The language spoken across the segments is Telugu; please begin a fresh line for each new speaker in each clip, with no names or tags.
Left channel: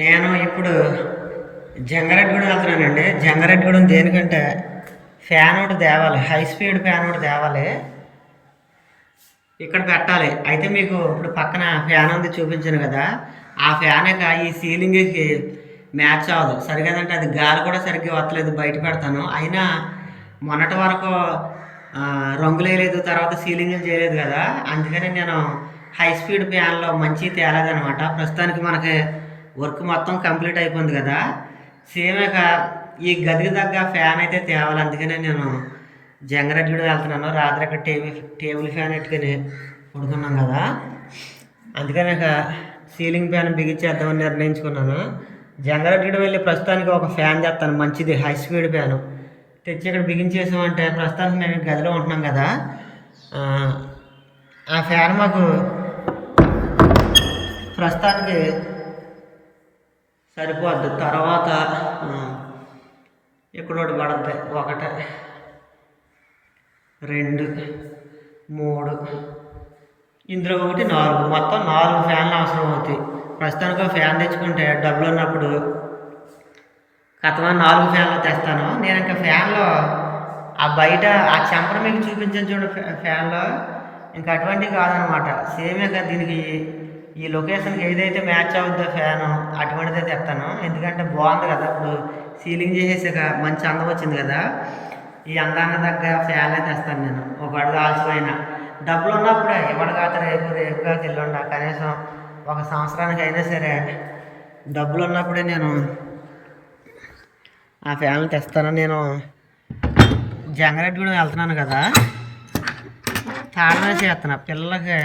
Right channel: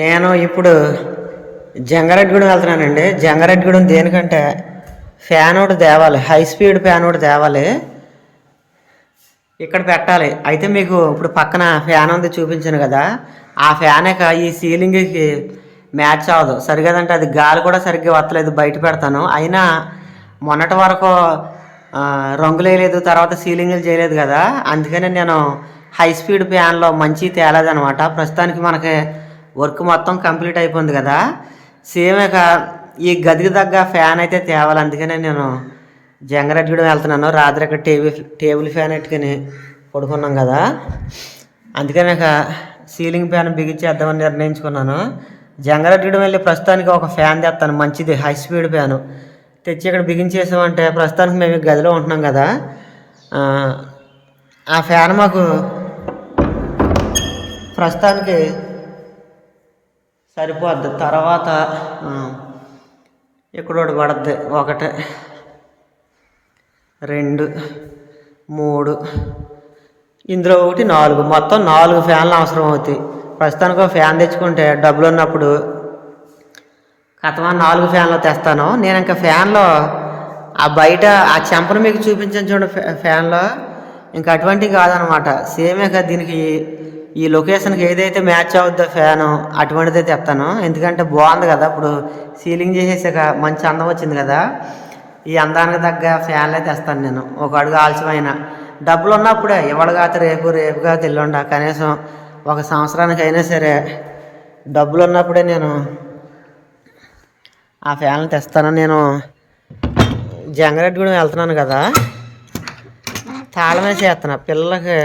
నేను ఇప్పుడు జంగారెడ్డిగూడెం వెళ్తున్నానండి. జంగారెడ్డిగూడెం దేనికంటే ఫ్యాన్ ఒకటి తేవాలి హై స్పీడ్ ఫ్యాన్ ఒకటి తేవాలి. ఇక్కడ పెట్టాలి. అయితే మీకు ఇప్పుడు పక్కన ఫ్యాన్ ఉంది చూపించాను కదా. ఆ ఫ్యాన్ ఈ సీలింగ్కి మ్యాచ్ అవ్వదు. సరిగదంటే అది గాలి కూడా సరిగ్గా వస్తలేదు బయట పెడతాను. అయినా మొన్నటి వరకు రంగులు వేయలేదు తర్వాత సీలింగ్లు చేయలేదు కదా. అందుకని నేను హై స్పీడ్ ఫ్యాన్లో మంచి తేలేదనమాట ప్రస్తుతానికి మనకి వర్క్ మొత్తం కంప్లీట్ అయిపోయింది కదా. సేమ్ ఇక ఈ గదికి తగ్గ ఫ్యాన్ అయితే తేవాలి. అందుకనే నేను జంగారెడ్డిగూడెం వెళ్తున్నాను. రాత్రి ఇక్కడ టేబుల్ టేబుల్ ఫ్యాన్ ఎట్టుకుని పడుకున్నాం కదా. అందుకని ఇక సీలింగ్ ఫ్యాన్ బిగించేద్దామని నిర్ణయించుకున్నాను. జంగరెడ్డి వెళ్ళి ప్రస్తుతానికి ఒక ఫ్యాన్ తెస్తాను. మంచిది. High speed fan. తెచ్చి ఇక్కడ బిగించేసామంటే ప్రస్తుతానికి మేము గదిలో ఉంటున్నాం కదా. ఆ ఫ్యాన్ మాకు ప్రస్తుతానికి సరిపోద్ది. తర్వాత ఆ, ఇక్కడ ఒకటి ఒకటి రెండు మూడు ఇందులో ఒకటి నాలుగు. మొత్తం నాలుగు ఫ్యాన్లు అవసరం అవుతాయి. ప్రస్తుతానికి ఒక ఫ్యాన్ తెచ్చుకుంటే డబ్బులు ఉన్నప్పుడు కథమా నాలుగు ఫ్యాన్లు తెస్తాను. నేను ఇంకా ఫ్యాన్లో ఆ బయట ఆ చెంపను మీకు చూపించాను చూడండి ఫ్యా- ఫ్యాన్లో. ఇంకా అటువంటివి కాదనమాట. సేమే కదా దీనికి ఈ లొకేషన్కి ఏదైతే మ్యాచ్ అవుద్దో ఫ్యాను అటువంటిదే తెస్తాను ఎందుకంటే బాగుంది కదా ఇప్పుడు సీలింగ్ చేసేసాక మంచి అందం వచ్చింది కదా ఈ అందానికి తగ్గ ఫ్యాన్లే తెస్తాను నేను. ఒక అడుగు ఆలస్యమైన. డబ్బులు ఉన్నప్పుడే ఇవాళ కాదు రేపు రేపు కాదు ఎల్లుండ కనీసం ఒక సంవత్సరానికి అయినా సరే డబ్బులు ఉన్నప్పుడే నేను ఆ ఫ్యాన్లు తెస్తాను. నేను జంగారెడ్డిగూడెం వెళ్తున్నాను కదా తాళమే వేసి వేస్తున్నా. పిల్లలకి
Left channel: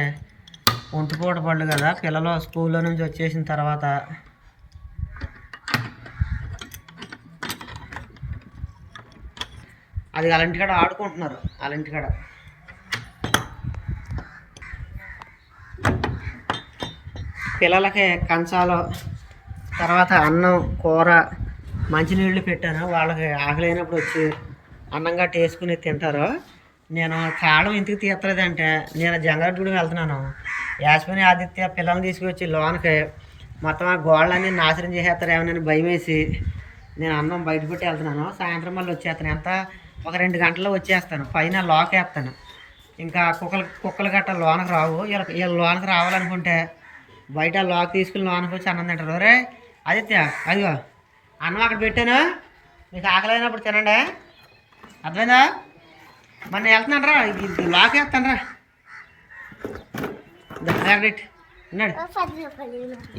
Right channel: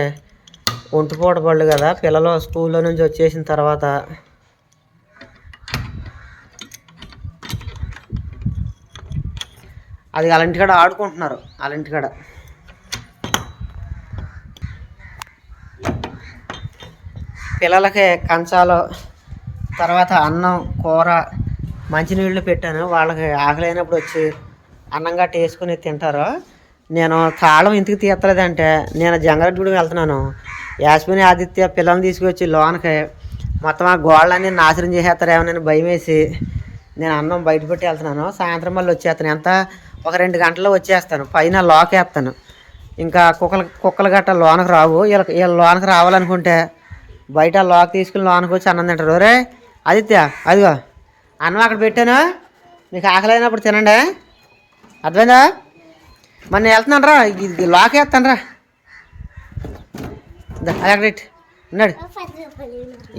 ఒంటిపూట పళ్ళు కదా. పిల్లలు స్కూల్లో నుంచి వచ్చేసిన తర్వాత అది అలాంటికాడ ఆడుకుంటున్నారు. అలాంటికాడ. పిల్లలకి కంచాలు తర్వాత అన్నం కూర మంచినీళ్ళు పెట్టాను. వాళ్ళకి ఆకలి అయినప్పుడు వచ్చి అన్నం గట్ట వేసుకుని తింటారు. నేను తాళం ఇంటికి తీయట్లేదంటే నేను జంగారెడ్డిగూడెం వెళ్తున్నాను. యాస్మిని ఆదిత్య పిల్లల్ని తీసుకొచ్చి లోనకి మొత్తం ఆ గోళ్ళన్నీ నాశనం చేసేస్తారేమోనని భయం వేసి నేను అన్నం బయట పెట్టి వెళ్తున్నాను. సాయంత్రం మళ్ళీ వచ్చేస్తాను. ఎంత? ఒక రెండు గంటల్లో వచ్చేస్తాను. పైన లోకేస్తాను వేస్తాను. ఇంకా కుక్కలు కుక్కలు గట్ట లోనకు రావు. వీళ్ళ వీళ్ళ లోనకు రావాలనుకుంటే బయట లోకి తీసుకుని లోనకి వచ్చి అన్నం తింటారు. రే ఆదిత్య అదిగో అన్నం అక్కడ పెట్టాను. మీకు ఆకలి అయినప్పుడు తినండి. అర్థమైందా? మరి నేను వెళ్తున్నాను రా ఇది ఇది లాక్ వేస్తాను రా అక్కడ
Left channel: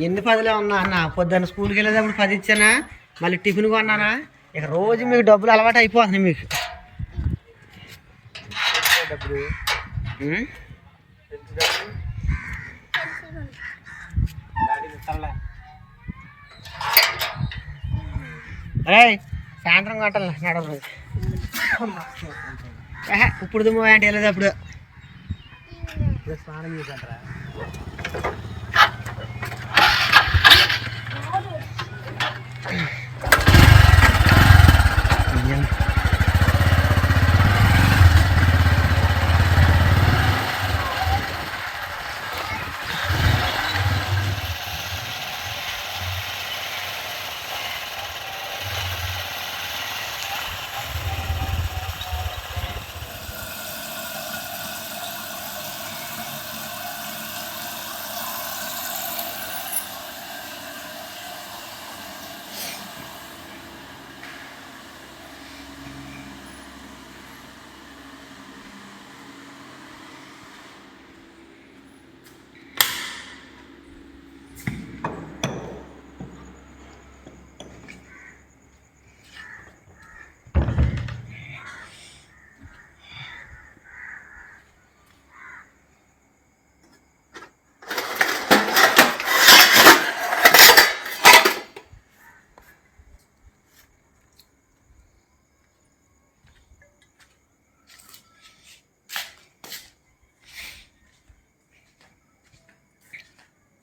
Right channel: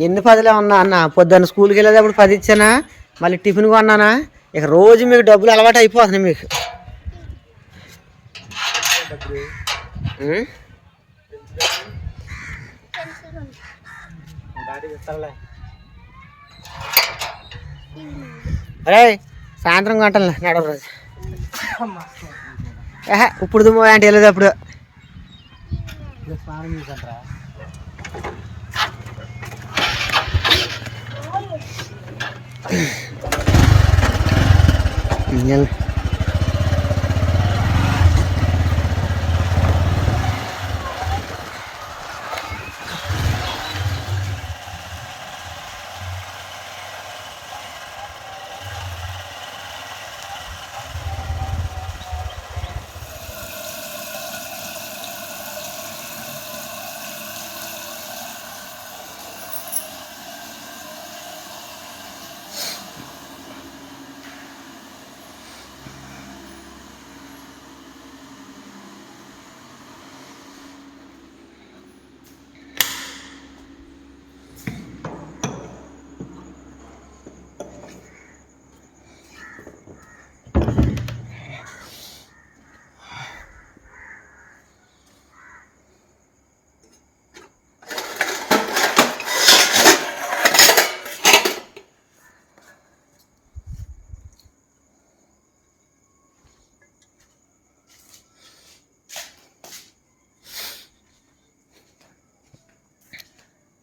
ఎన్ని పదిలే ఉన్నా అన్న పొద్దున్న స్కూల్కి వెళ్ళేటప్పుడు పది ఇచ్చానా మళ్ళీ టిఫిన్ కొన్నానా? ఇక రోజు మీకు డబ్బులు అలవాటు అయిపోతున్నాయి మీకు? అరే సాయంత్రం గంటలు నడవ రోజు. ఏహే, ఇప్పుడు దుమ్ము అంటే వెళ్ళేది అప్పుడు నేను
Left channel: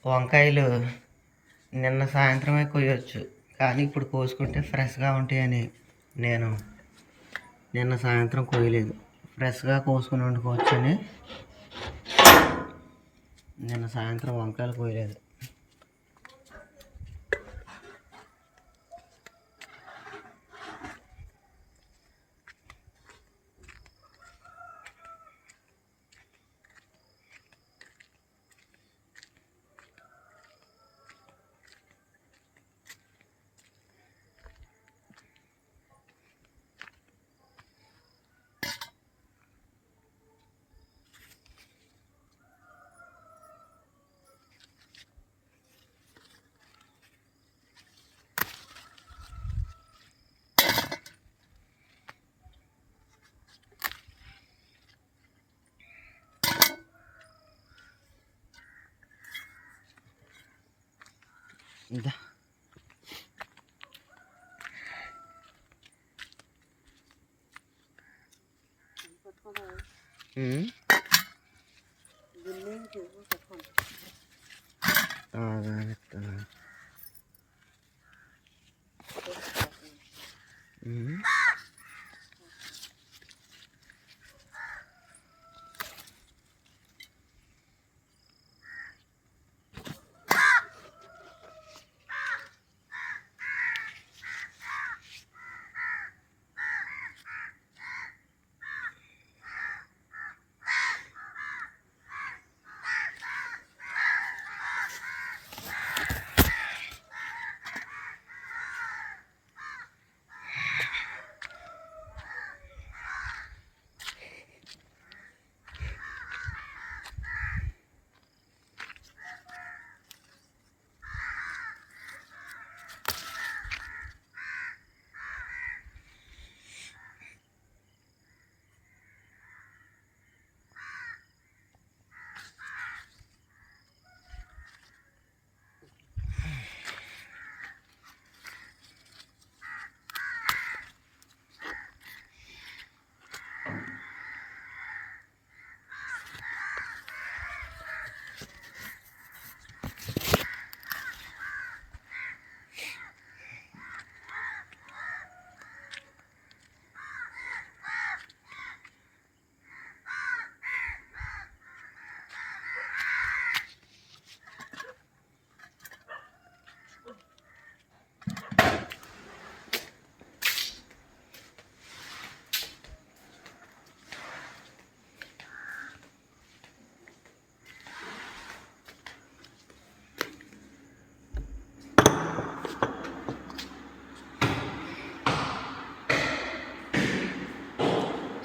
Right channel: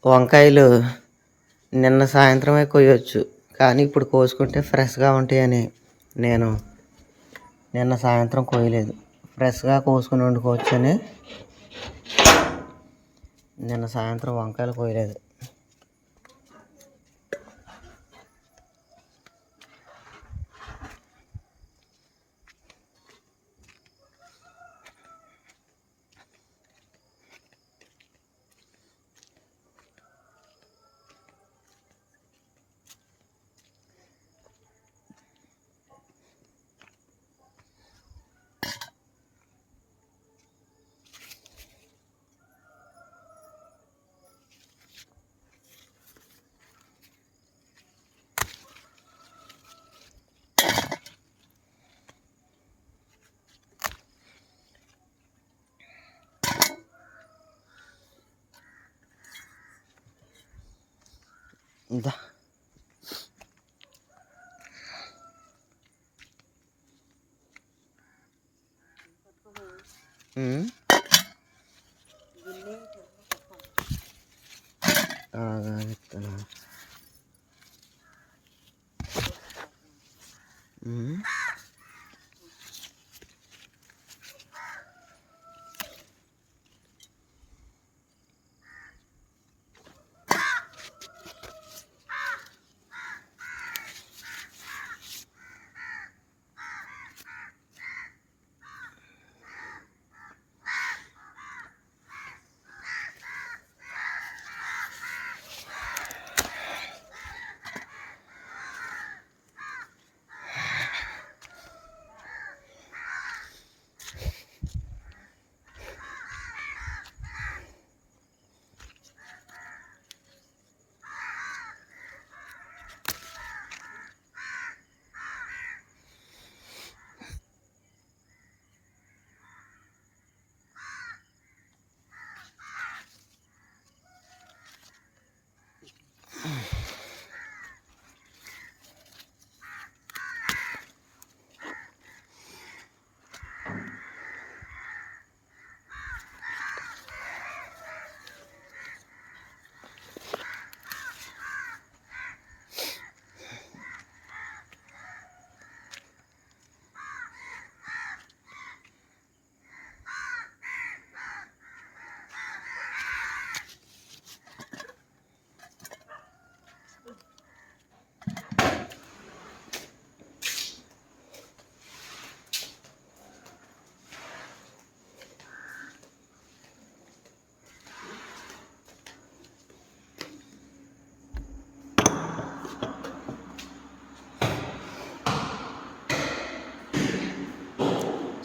వంకాయలు నిన్న సాయంత్రమే కొయ్యొచ్చు కానీ ఇప్పుడు కోసుకుంటే ఫ్రెష్గా ఉంటాయని నేను నిన్న సాయంత్రం కొయ్యలేదు ఫ్రెష్గా కోసుకుని వండుకోవచ్చని నిన్న సాయంత్రం వంకాయలు కొయ్యలేదు ఇదా Mm-hmm.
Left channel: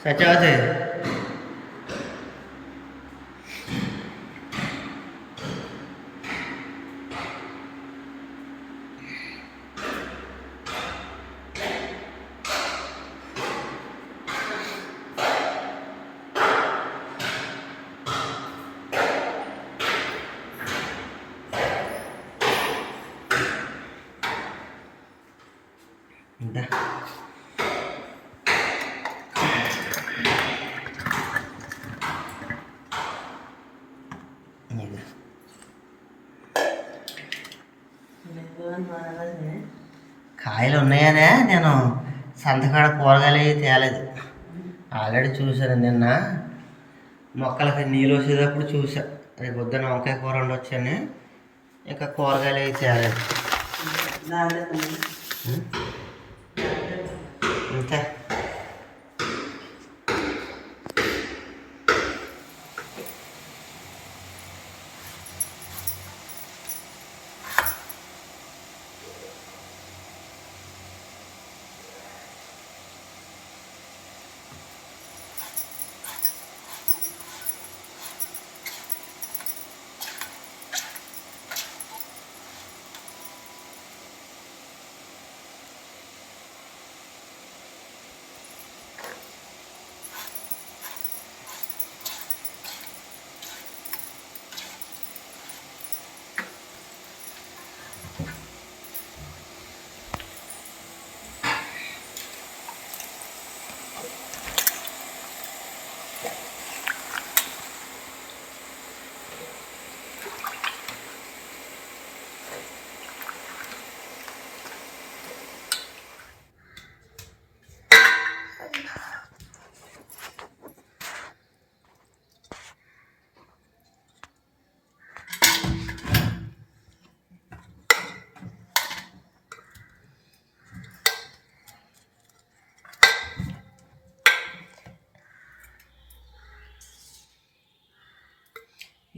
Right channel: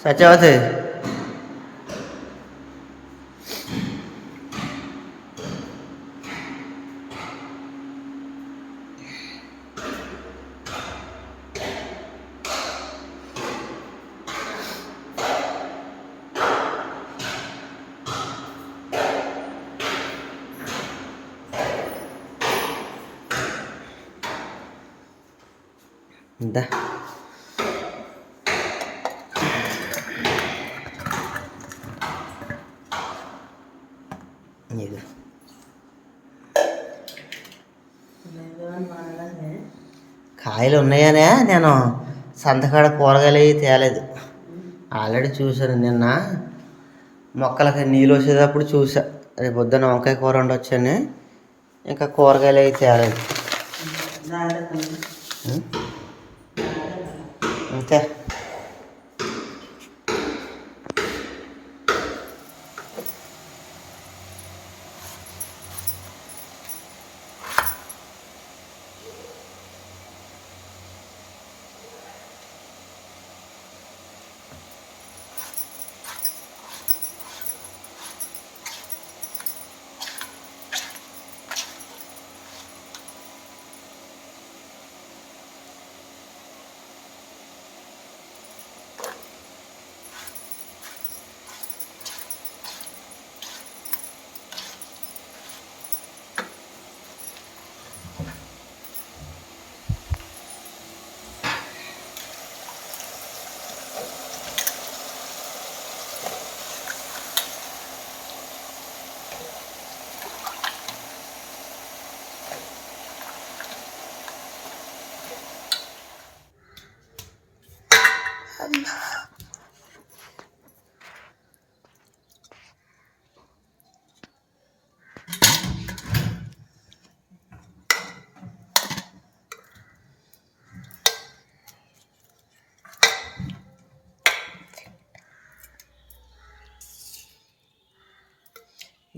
సత్యవతి ఇందా ఇది కాయలు ఉన్నాయనే నేను సంతకాడ కూరగాయలు అవి తేలేదు. ఆల్రెడీ చూశాను నిన్న. మొక్కలకి నీళ్ళు వచ్చేటప్పుడు చూసా రేపు పొద్దున్న వంకాయ కూర ఉండొచ్చని ఇంకా కూరగాయలు అవి తేలేదు.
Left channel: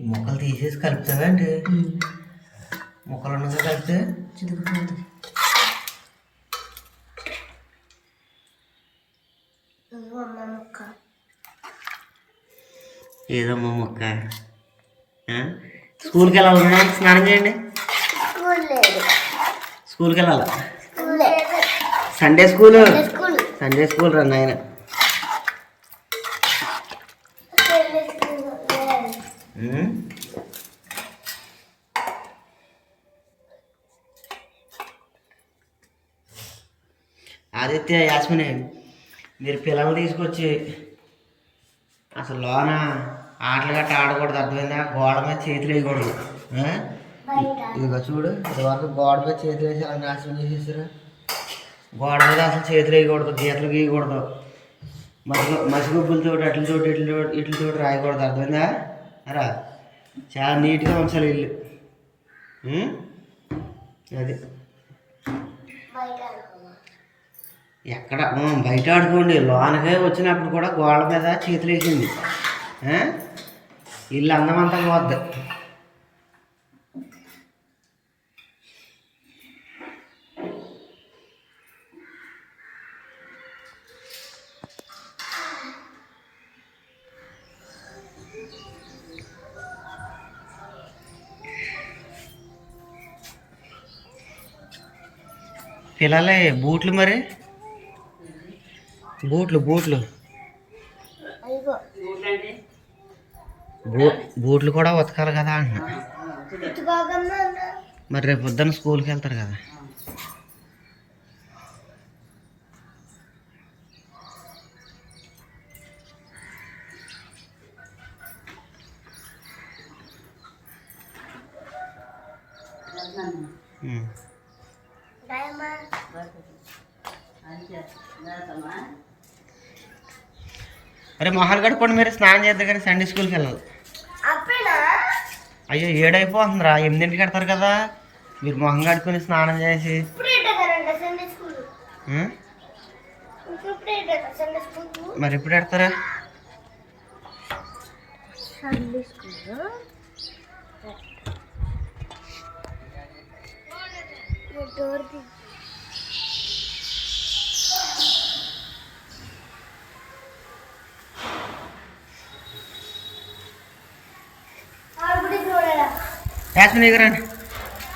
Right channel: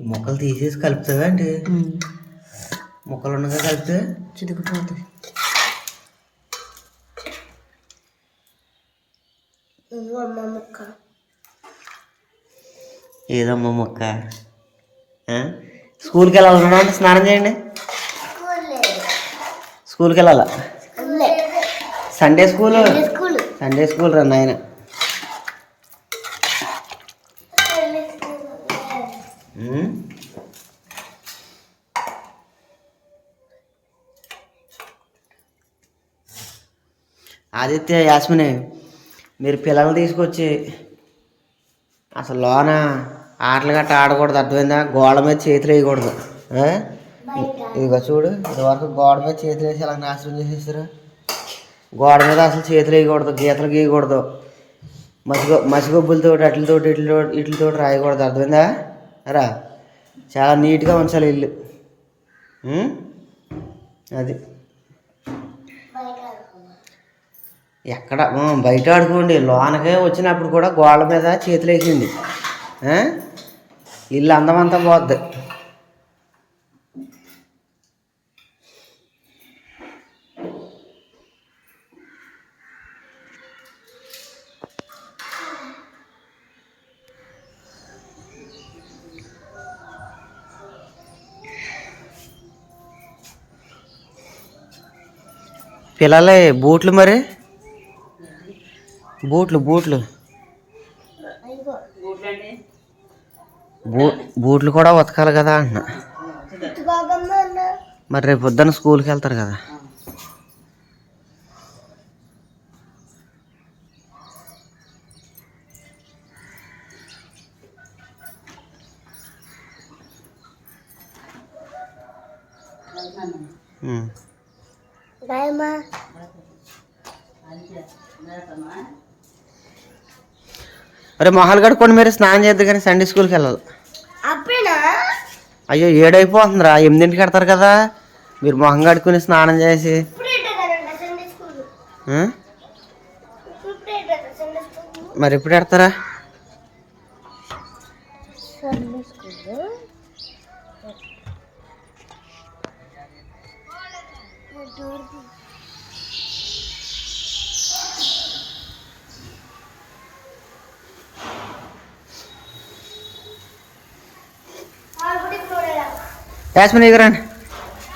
మొక్కలు తీసేసి కలుపుతావా అండి మొక్కలు ఉండగా కలిపితే?
చితికిపోతుంది ముక్క.
ఏదమ్మా మొక్క? స్కూల్కి వెళ్ళాలి ఉన్నామంటే స్నానం చేయండి. స్కూల్కి వెళ్ళాలా? Sunday school?
School.
Sunday school రా నాయన. ఆదిత్య యాస్మిని మీరు పిల్లలు తీసుకొచ్చి అసలు లోన ఆటలు గట్ట ఆడకూడదు అర్థమైందా? గోడ మీద చేతులు వేయకూడదు. ఇదిగో చూడు ఇది వరకు గోడ మీద చేతులు వేసి అలా నాశనం చేసేసారు? గోడ మీద అసలు చేతులు వేయకూడదు గీతలు గీయకూడదు. మసిగొ మసిగొబ్బులతో అట్లతో ఇట్లతో ఇట్లతో రాయకూడదు అర్థమైందా? రా. చాలా నీట్గా ఉంచాలి ఇల్లు. అది. ఎక్కడ? బయట ఆడుకోండి. లోనకే వచ్చినప్పుడు కూడా గోడల మీద చేతులు వేసింది ఇల్లు అందమంతా పోద్ది. పిల్లలే బూట్లు మరి? బూట్లు బూట్లు. బూ బూట్లు కూడా ఉతకాలి కదా అంటున్నా. మరి రేపు పొద్దున్న స్కూల్కి వెళ్తారు కదా. ఉమ్.
బాయమ్మా
అరే మొహాలు కడుక్కోండి మీరు స్నానం చేద్దరు కానీ సండే స్కూల్కి వెళ్ళాలి. అయ్యో ఏడైపోతుందిరా. ఎనిమిదింటికి కడతారు కదా. మీరు మొహం కడుక్కుని స్నానం చేసి. మరి ఎప్పుడు పెడతారా
డోర్
యాస్మిన్ ఎదురండి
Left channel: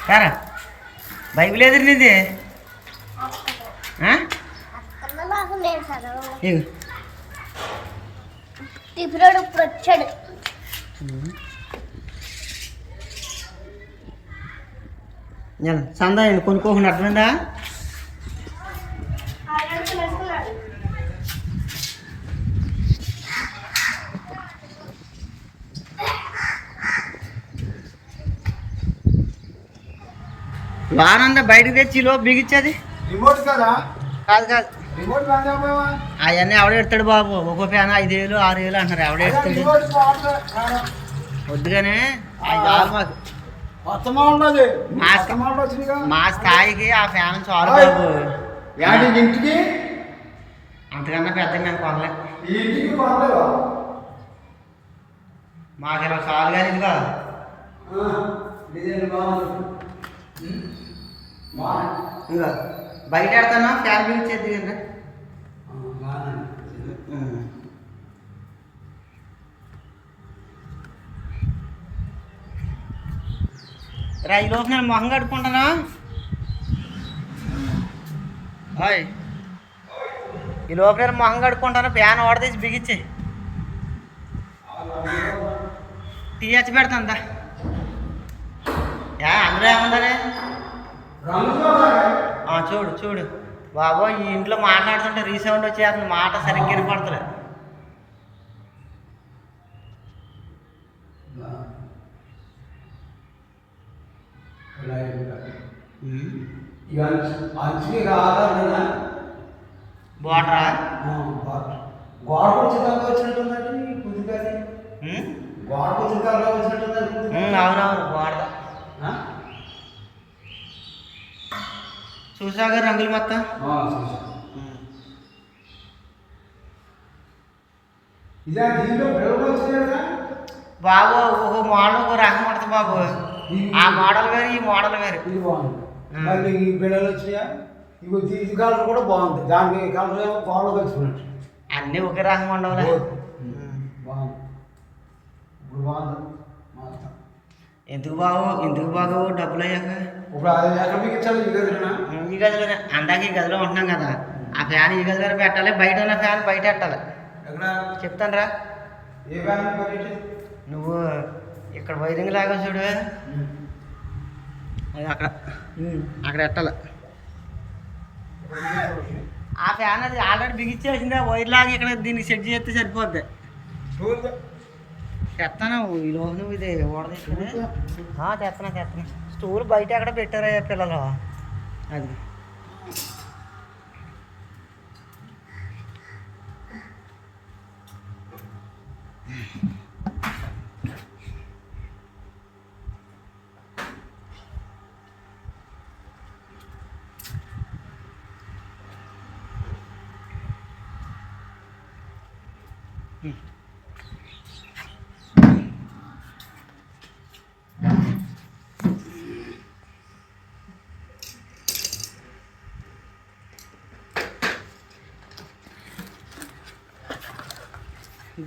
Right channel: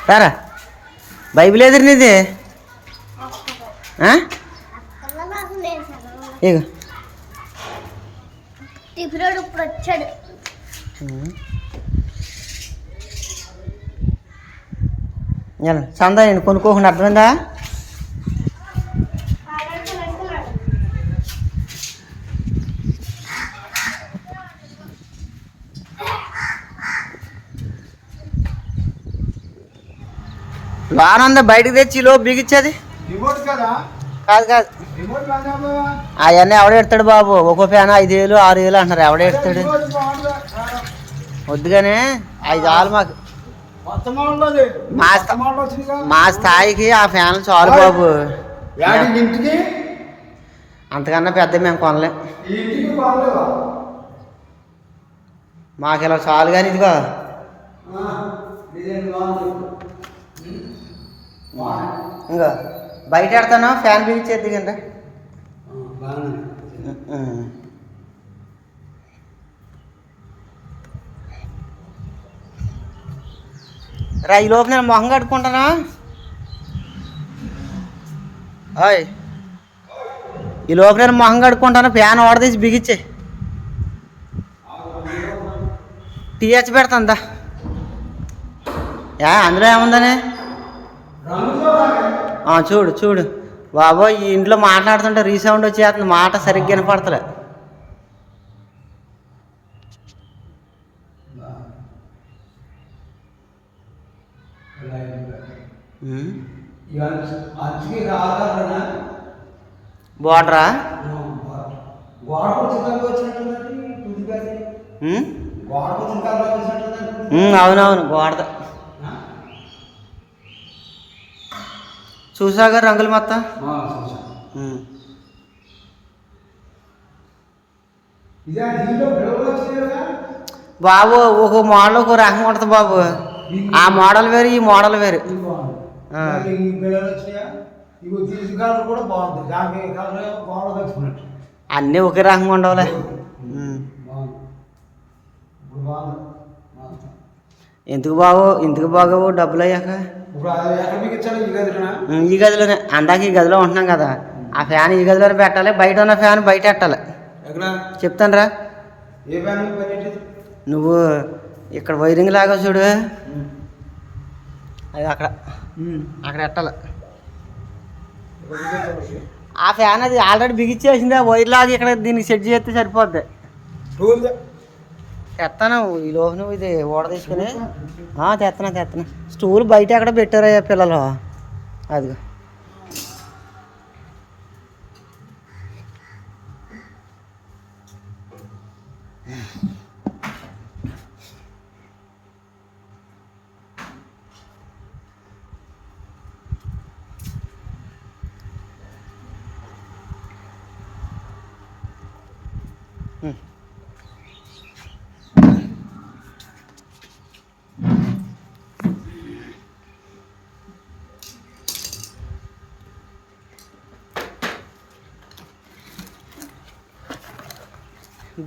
రారా. బైబిల్ ఎదురు నీది?
ఇప్పుడు వచ్చాడు.
చందా నేను కొనుక్కోకుండా అర్థమైందా? వానందా బయటకు తెచ్చి లో బిగిచ్చేది
రిమోట్ కదా?
కాదు కాదు. అవన్నీ ఎవడ ఎడతాడు బాబు? ఒక్కో ఫ్యాన్ ఐదు వేలు ఆరు వేలు అంటున్నారు. ఎవడ ఎడతాడు?
రిమోట్ బాగుందా?
వద్దుగానే ఐదు ఆలు మాకు. మా
కదా.
స్థాయికి ఆ ఫ్యాన్ చాలు బాబు. అంతకన్నా పెద్ద మేము కొనలేం. మాకు ఇలా చాలు కానీ ఇదిగో.
డిజైన్ బాగుంది
ఇంకా బయట పెడతాను ఫ్యాన్ బిగించేది కంటే
బాగుంది
రా ఈ లోపు నేను మొహం కట్టుకుంటానా ఓయ్. ఈ లోపు నేను మొహం కట్టుకుంటాను ఫ్యాన్ ఓడదీసి బిగించే టీహెచ్ పెడతాందా యా అందులో ఏముందని? చూడు చూడు. బాబో ఈ ఇంట్లో మాట్లాడుతుంటే రీసౌండ్ వచ్చేస్తుంది మాట సరిగ్గా వినపడతలే. బోర్డరా?
గోడకు వచ్చిన
చూసాగా రంగులు మొత్తం ఉమ్.
ఇదే దీంట్లో పిల్లలు వచ్చింది కదా
బాబు ఒక మోడల్ ఒక రకం ఉంటుంది బాబు ఆ మోడల్ వేరు ఈ మోడల్ వేరు
ఇది బాగుంది
ఆ.
మళ్ళీ ఈ పిల్లలు వచ్చినాయా ఇవి తీసి కలర్ కూడా బాగుంది దానికి కలర్ గోడకు వచ్చినట్టు
అన్నీ ఒకే రకంగా ఉండవులే ఉమ్.
బాగుంది ఇప్పుడు బాగుంది మొత్తం.
ఎందుకు బాబు ఎందుకు బాగోవు డబ్బులు అయ్యాక
ఇప్పుడు అది ఎక్కడ మీకు ఇచ్చారు? ఈ గదిలోనా?
ఈ గదిలోనే. అందాక ఈ గదిలో ఉంటున్నాం కదా. ఆ ఫ్యాన్ ఈ గదిలో పెట్టాలి. బయట ఉన్న ఫ్యాన్ బయట పెట్టాలి.
ఎక్కడ?
చెప్తాను రా. నువ్వు ఇక్కడ వైరింగ్ లాగా చూడు. అది అక్కడ. అక్కడ పెట్టాలి. ఆ ఫ్యాన్ అది ఆల్రెడీ బిగిచ్చేసింది. ఆ వైర్ లాగి ఇక్కడ దీనికి సెట్ చేస్తే సరిపోద్ది. తెస్తాను ఈ లోపు నువ్వు ఇది ఓడ తీసుకుని. ఆ, తెస్తున్నా తెస్తున్నా స్టూల్ బయట ఎక్కడ పెట్టారయ్యా పిల్లలు? అదిగో.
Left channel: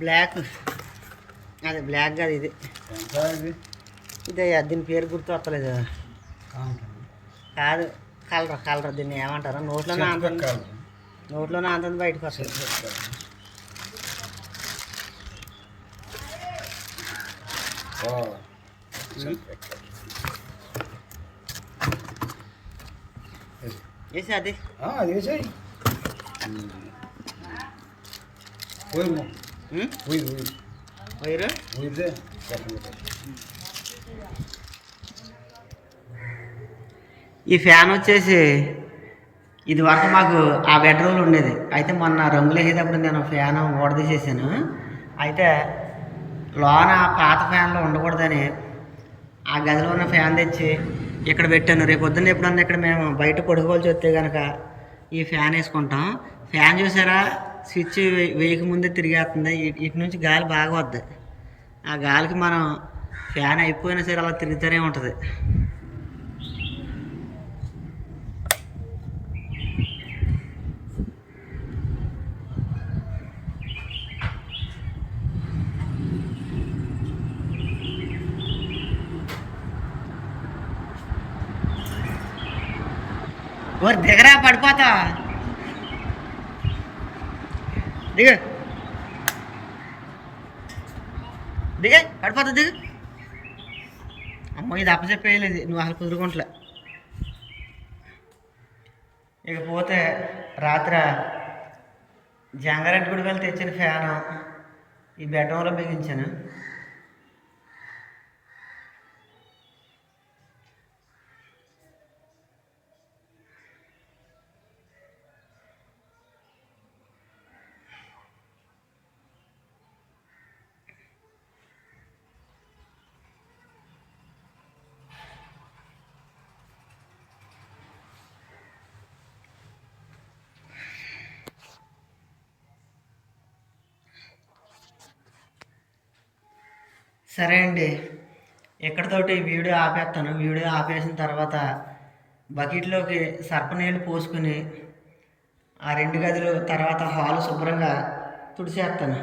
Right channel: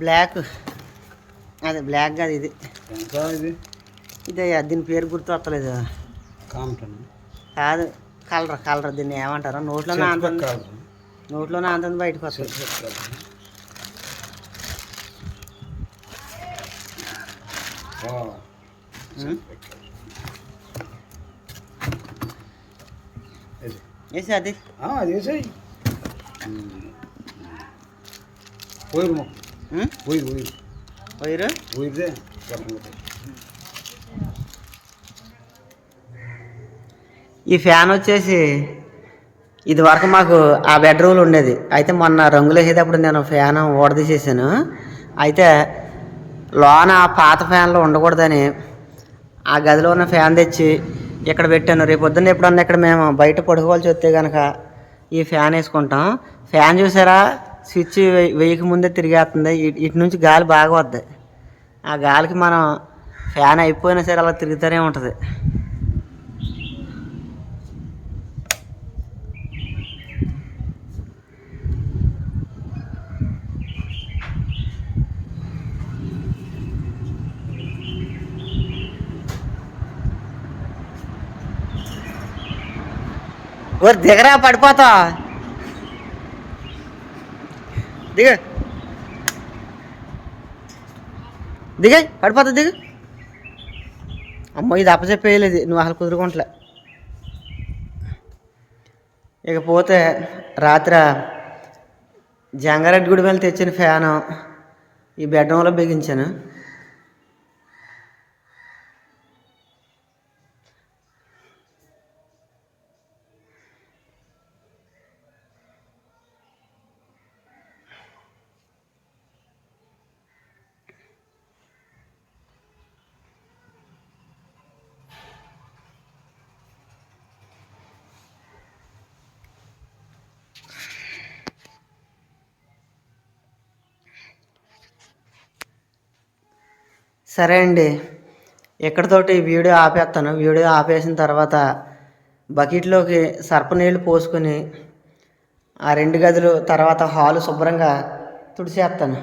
బ్లాక్. అదే బ్లాక్ కాదు ఇది.
ఇది?
దీని పేరు గుర్తు వస్తలేదు. కాదు కలర్ కలర్ దీన్ని ఏమంటారు? నోట్లోనే
కాదు
నోట్లోనే అంతుంది బయటకు వస్తుంది. వేసి అది.
వేసాయి. పోయి? పోయి పోయి.
వైరు
పోయిదే చెప్పండి
ఈ ఫ్యాన్ వచ్చేసి ఇది వరకు మాకు ఆ బెడ్రూమ్లో ఉండేది. అయితే మొన్న రంగులు వేసేటప్పుడు నేను ఫ్యాన్ ఓడదీసేసాను అయితే లోన పాత ఫ్యాన్లో ఉండకూడదని ఆ గదిలో ఉన్న ఫ్యాన్ తెచ్చి ఇక్కడ పెట్టాను. రేపు పొద్దున్న ఎప్పుడన్నా ఇక్కడ మేము బయట పడుకోవాల్సి వస్తే కనుక ఈ ఫ్యాన్ వేసుకుంటాం. ఫ్యాన్ చూసారా? స్విచ్ వెయ్యి ముందే తిరిగేస్తుంది ఇటు నుంచి గాలి బాగా వద్ది. ఆ గాలికి మనం ఫ్యాన్ అయిపోయినా సరే అలా తిరుగుతూనే ఉంటుంది. ఓ దిగరా పడిపోతా దిగ. దిగ పడిపోతుంది దిగు. అమ్మో ఇది అప్పచెప్పేయలేదు నువ్వు అసలు కుదురుకుంటలే. ఇకపోతే రాత్రి జంగారెడ్డి గుడి వెళ్ళి తెచ్చిన ఫ్యాను ఈ బెడ్రూమ్లో బిగించాను. సరే అండి. ఇక్కడతోటి వీడియో ఆపేస్తాను వీడియో ఆపేసిన తర్వాత బకెట్లోకి సర్ప నీళ్ళు పోసుకొని ఆ రెండు గదులు తర్వాత హాలు శుభ్రంగా తుడిచేస్తాను